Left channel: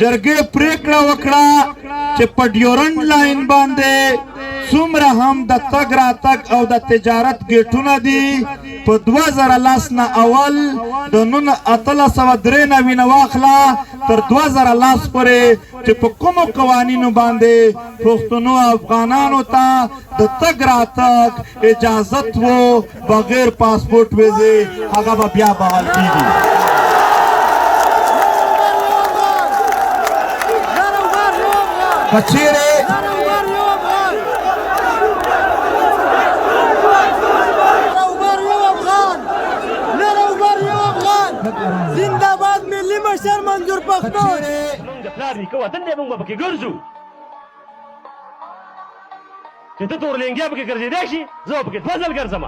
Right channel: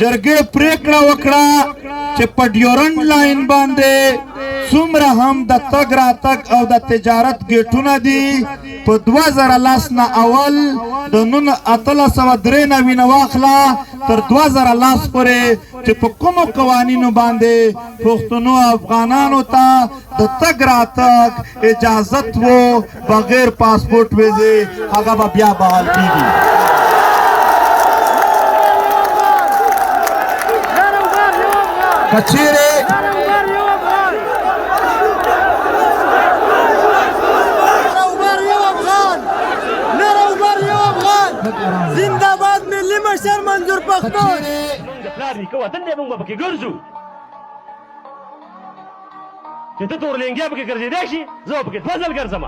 جرګې پریکړه وکړه چې په ډیورنډ لاین باندې څومره هم د تګ راتګ او د تجارت ګیټونه دي په 2010 نه اول د 1893 نه واخله تر 2010 پورې چې په کومو قوانینو باندې پښتنو افغانانو ته د تګ راتګ اجازت وو بغیر پاسپورټ ویزې هغه به بیا بحال کیږي. کچیرې زنده‌باد ملي مشر منظور پښتون. موږ د پلار نیکه وطن دی، موږ به پکې ګرځو. چې ته تورلنګیا پکې ګرځېدی شي، زه به پکې فضل ګرځم.